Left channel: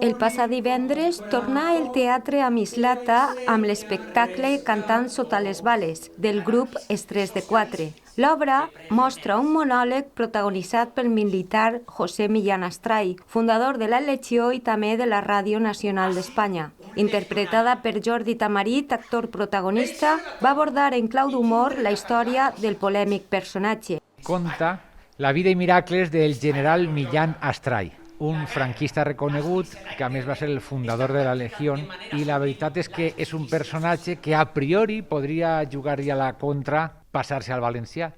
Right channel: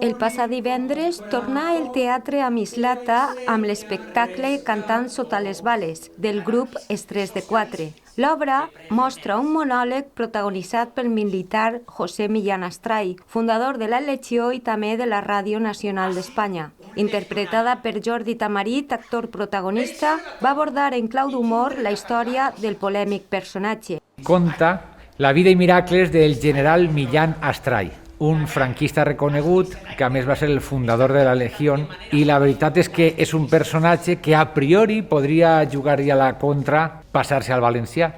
El passat divendres tornà el teatre a Mislata amb l'espectacle Cantant sota les bales, del grup Estrès de Quatre. L'obra mostra un monòleg protagonitzat pel militar José Millán Astray, fundador de la Legió i també de la Ràdio Nacional d'Espanya. Interpretada per Jordi Tamarit, actor protagonista, va abordar en clau d'humor la història del polèmic personatge. Conta la vida i miracles del general Millán Astray, un franquista reconegut que a més va ser el fundador de la Legió, i la veritat és que és un personatge que a priori podria jugar-hi a la contra, passar-se al valencià,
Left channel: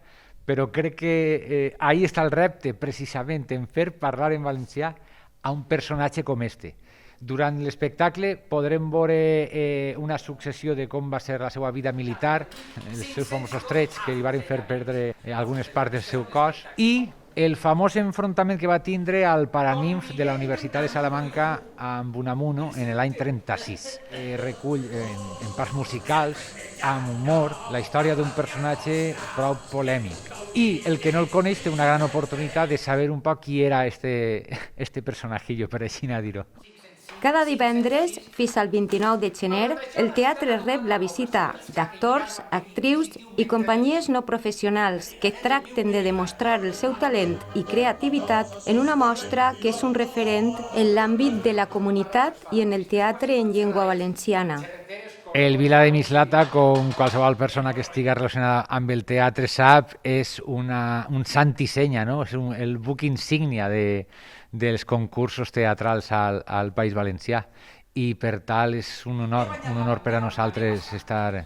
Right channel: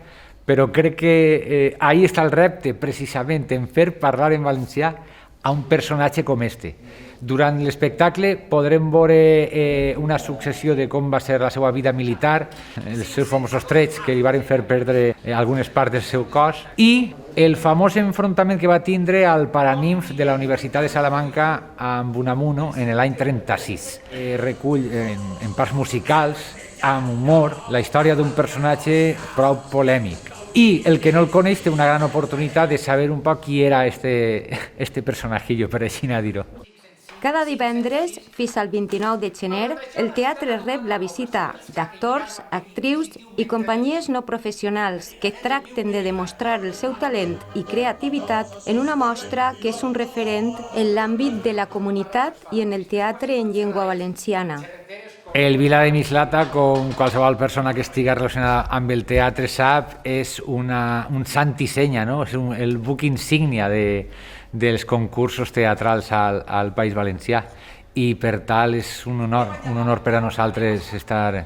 però crec que ahí està el repte, precisament, en fer parlar en valencià a un personatge com este. Durant l'espectacle podrem veure una successió de com va ser la seva vida militar, els seus famosos trets que li van fer perdre algunes parts del seu cos, i el famós enfrontament que va tindre al Paranimf de la Universitat de Salamanca amb Unamuno en l'any 36. Recull en parts musicals, amb humor, la història d'un personatge prou polèmic. I el que no el coneix té una gran oportunitat de saber un poc qui era este personajillo, per així dir-ho. Cada divendres, fins al 29 de gener, el teatre rep la visita d'actors, actrius i companyies no professionals que tracten de demostrar el seu talent i creativitat en una mostra que és un referent en l'àmbit de la comunitat i en el teatre en llengua valenciana. El Vila de Mislata, com qualsevol persona que estigui relacionada amb el teatre sap, és un sant i senya, no? És el buc insígnia dels concursos teatrals al País Valencià, i per tal és un honor per a nosaltres estar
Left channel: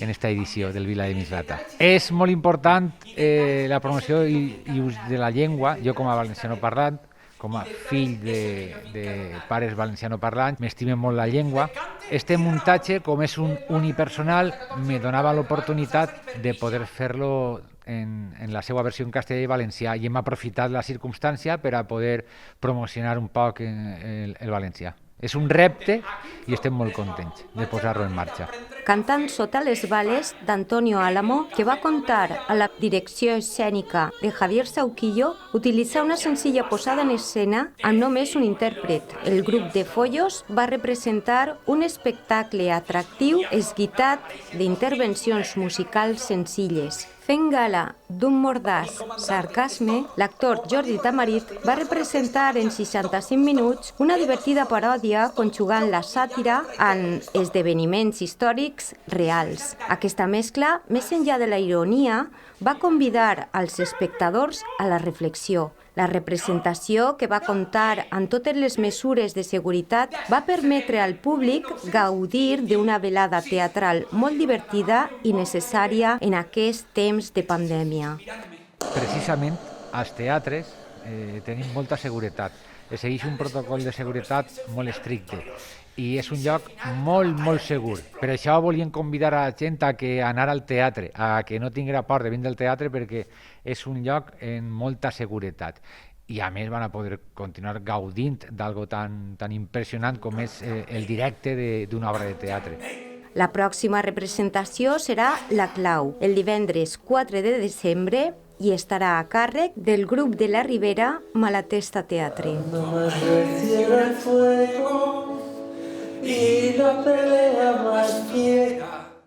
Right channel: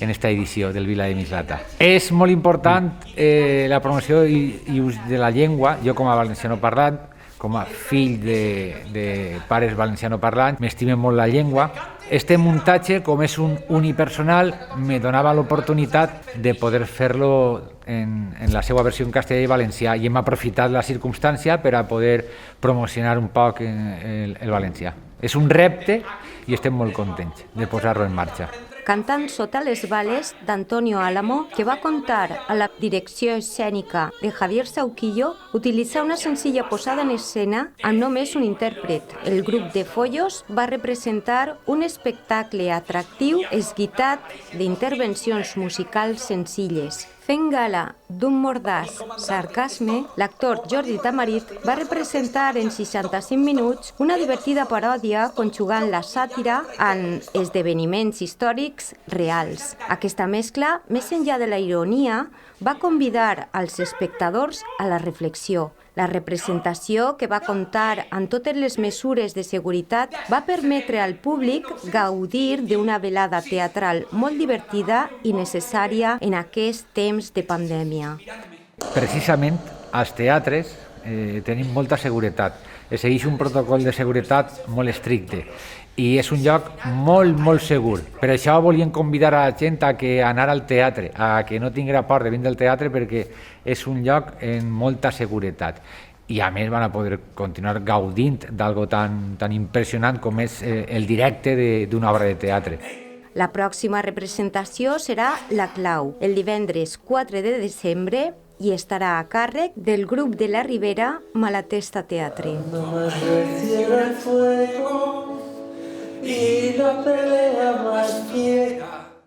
en esta edició del Vila de Mislata. És molt important la promoció i ús de la llengua. Jo, com a valenciano parlant, com a fill de pares valenciano-parlants, m'estime molt la llengua. Este muntatge, com és un unipersonal, me donava l'oportunitat de poder fer-lo en la seva versió en castellà i valencià, i hem aprofitat la circumstància per a poder promocionar un poc el valencià. És un repte i estem molt contents de posar-lo en marxa. Cantant sota les bales, d'Antonio Álamo, que va comptar a la direcció escènica de Javier Sauquillo, utilitza una senzilla posada en escena amb només un intèrpret. El grup de Follos va representar un espectacle atractiu esguitat d'intervencions musicals senzilles. Fent gala d'un mordaç sarcasme, l'actor Jordi Tamarit va representar en 65 minuts una divertida paròdia conjugant la sàtira amb esdeveniments històrics reals. Aquesta mescla, més enllà de la ironia, va convidar als espectadors a la reflexió. La representació, que va comptar amb totes les mesures de seguretat, va permetre al públic gaudir d'una velada teatral molt divertida i necessària en aquest temps de pandèmia. Precisament, als teatres tenim molta seguretat. Es segueix un protocol de seguretat molt estricte i és un lloc molt, molt segur. Per això volíem convidar a la gent a anar al teatre, a que no tinguera por de vindre al teatre, perquè és un lloc amb molta seguretat. I a més van a poder continuar gaudint d'algo tan impressionant com és el directe d'una obra de teatre. La pròxima representació serà La Clau, el divendres 4 de desembre, i estarà a càrrec del grup de la Ribera Malatesta Teatre. Y la pelea más fiera